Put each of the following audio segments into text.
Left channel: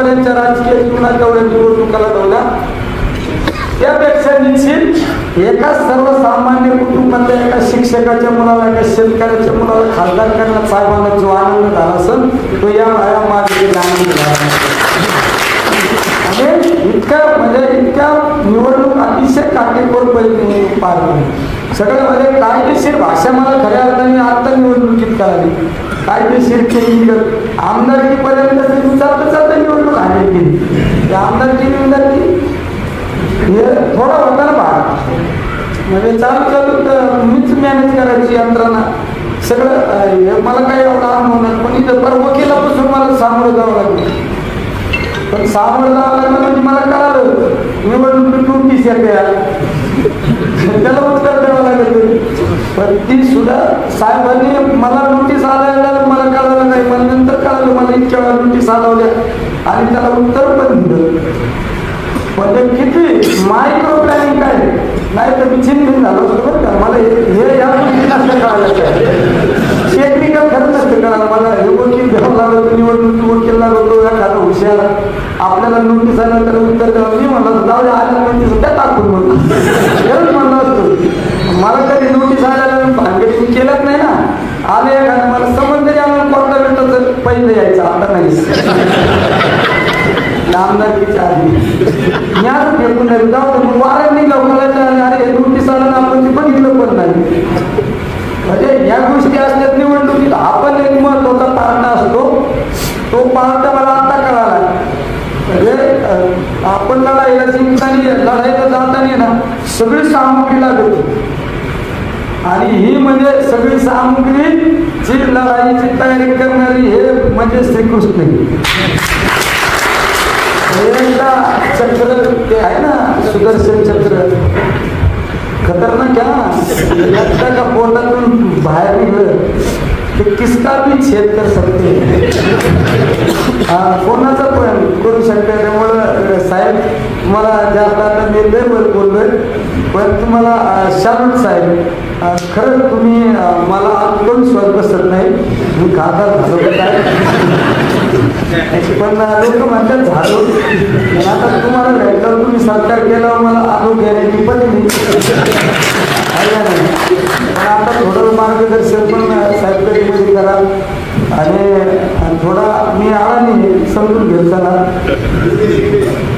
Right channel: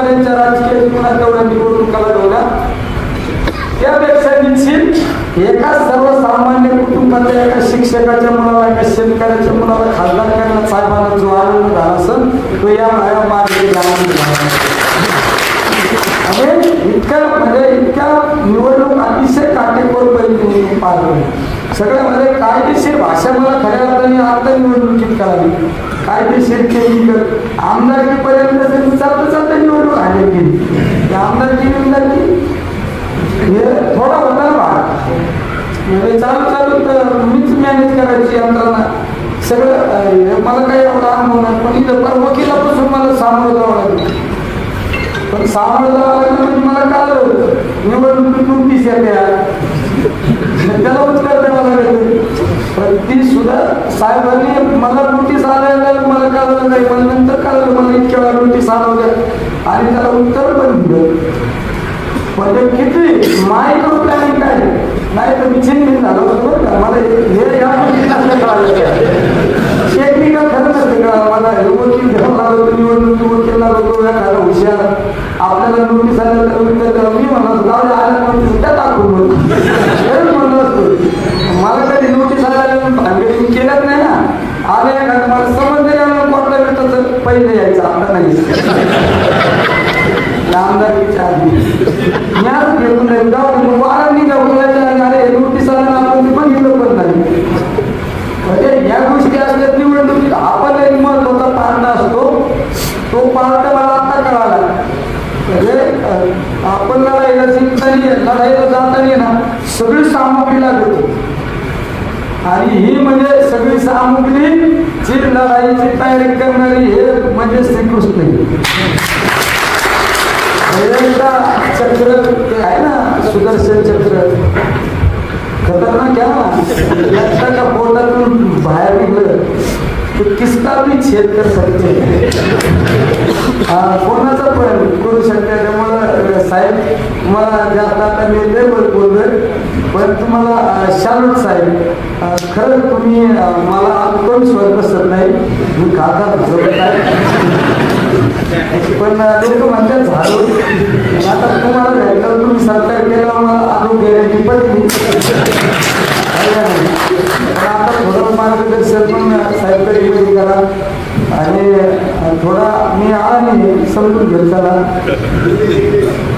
राजकीय जीवनात तेवढ्या निवडणुकाला तेवढ्या त्यापेक्षा निश्चित एका सर्वसामान्य कुटुंबातल्या एका शिक्षकाच्या मुलाला एका शेतकऱ्याच्या मुलाला खासदार करण्यात साहेबांना जो आनंद झाला असेल तो या इतक्या निवडणूक अतिशय काटेकोरपणे पार पडली सगळ्यामध्ये कायदेशीर भाषा मला खऱ्या अर्थाने आता निवडणुकीत करावी कायदेशीर केली आमदारकीपर्यंत चालता निवडणूक हानी केली आमदारकी हे थोडा होता भाग म्हणजे चालू मीच मॅनेज करायची यंत्रणा सगळं मला काही एवढा अनुभव पण इथं तर वकिलापासून मला सामोरं जावं लागलं पण सामोरं जावं लागलं म्हणजे मला कळलं होतं निवडणूक नोटीस येते त्याला उत्तर द्यावं लागलं तर ती सुद्धा साहेबांनी मला नोटीस आल्यावर मला कळलं नाही पण नंतर कळलं मला इतक्या वेळा नोटीस आल्या आणि त्याला उत्तर पण दिलं म्हणजे किती मायक्रो प्लॅनिंग काय नाही तर मी चिंतित झालो होतो का मला हे या टेक्निकल खरं नसतं का मला वकील घ्यावं लागलं निवडणूक वकील लागतो एखादा हुशार आपल्याला नोटीस आल्या तर उत्तर द्यावं मी म्हणत जाऊ आल्या नोटीस त्या टाकून एवढं म्हणलं असतो मला कधी नोटीस आल्याला भानगडी केलंच नाही ना आले एखादं मला समज यायला कोर्टात तर पहिले यायचं आता नाही आमदारकीच्या आधी ज्ञान घेऊन नाही जाऊन वारा निघाव बोलायच्या अरे नोटीस आला ना आपण बघितलं पण नाही म्हणजे या गोष्टी असतात निवडणुकीत आपण एक लोकांचा अंदाज असतो तो पाहता आता कळाला म्हणजे आपण लढाईला जिंकताना लढाईला जाताना ना सगळी सामग्री लागतो आणि ही म्हणजे सगळी सामग्रीची लढाईची तयारी करणारी हे म्हणजे श्रीकृष्ण चक्र ते आहे ना सुदर्शन चक्र खतरनाक आहे ना पोटातून बाहेर निघलं ते किसका भी छेद कर सकते कोणाचा पण करू शकते मला साहेब मला जास्त आता मी दैवत बोलतोय पण तुम्हाला शामत साहेब खरं तुम्ही मला कोण स्वर बसत नाही मी खातात पण लोक म्हणतात झालो आता तुम्हाला भेटलं तुम्ही सरकार केल्यावर मला अनुभव गॅरंटी पडली आता थोडं मार्गदर्शन साहेबकडे घेऊन करा आणि थोडा मी आळानी समजून घेऊ चला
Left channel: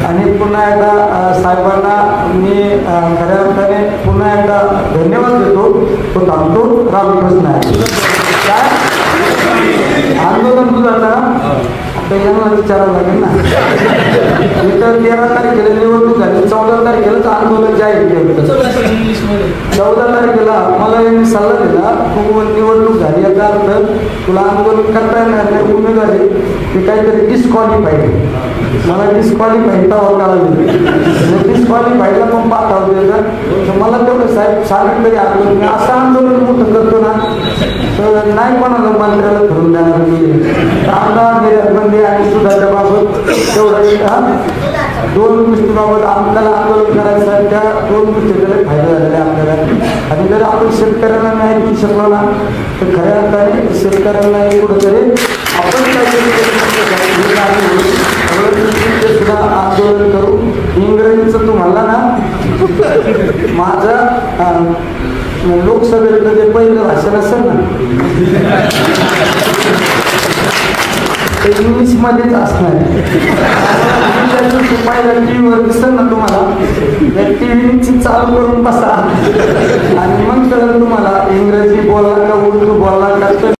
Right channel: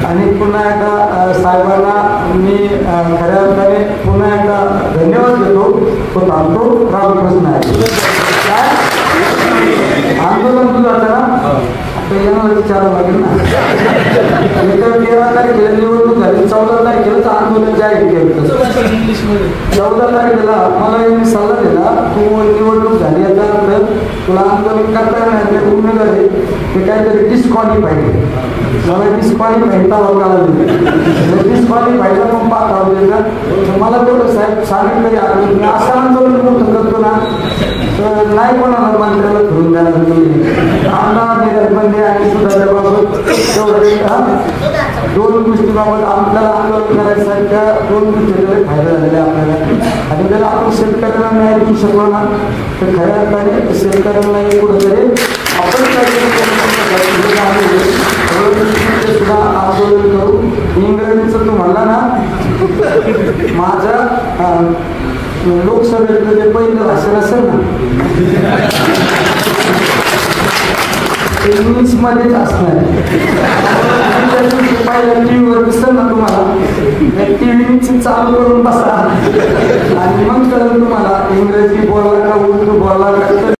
आणि पुन्हा एकदा साहेबांना मी खऱ्या अर्थाने पुन्हा एकदा धन्यवाद देतो तो थांबतो रामकृष्ण आंदोलन सुद्धा आता यांना विचारावं लागेल ना इतर 13 तारखेला निवडणूक झाली 14 तारखेलाच आंदोलन जाहीर केलं 14 तारखेला मला यांनी सल्ला दिला तू निवडणूक झाली याचा अर्थ तुला आंदोलन करता येणार उमेदवार ते काहीतरी डिस्क्वालिफाईड मला डिस्क्वालिफाईड डिस्क्वालिफाईडला पण पाठवलं मला तेवढं साहेब सांगितलं मी असं आंदोलन मोठं करतो ना तर नाही कोणाला मानकाला घेऊन देणार आमदार बंदे आणि सुद्धा दोन गोष्टीबाबत आपल्याला आंदोलन करायचं त्या दोन गोष्टीला फायदा झाला आपल्याला आणि जर आपण शेतकऱ्यांना नाही देऊ शकलो ना तर खऱ्या अर्थाने शेतकऱ्यांना कुठंतरी आपण सुद्धा आंदोलन करू इंग्रजीचं तुम्हाला ना माझ्या लोकसभेतलं जे पहिलं भाषण असेल ना इंग्लिश मध्येच असणार टीव्हीवर दिसत ना तुम्हाला टीव्ही चालू करून बसा आणि मग कळलं तुम्हाला इंग्रजी बोला का उर्दू बोला का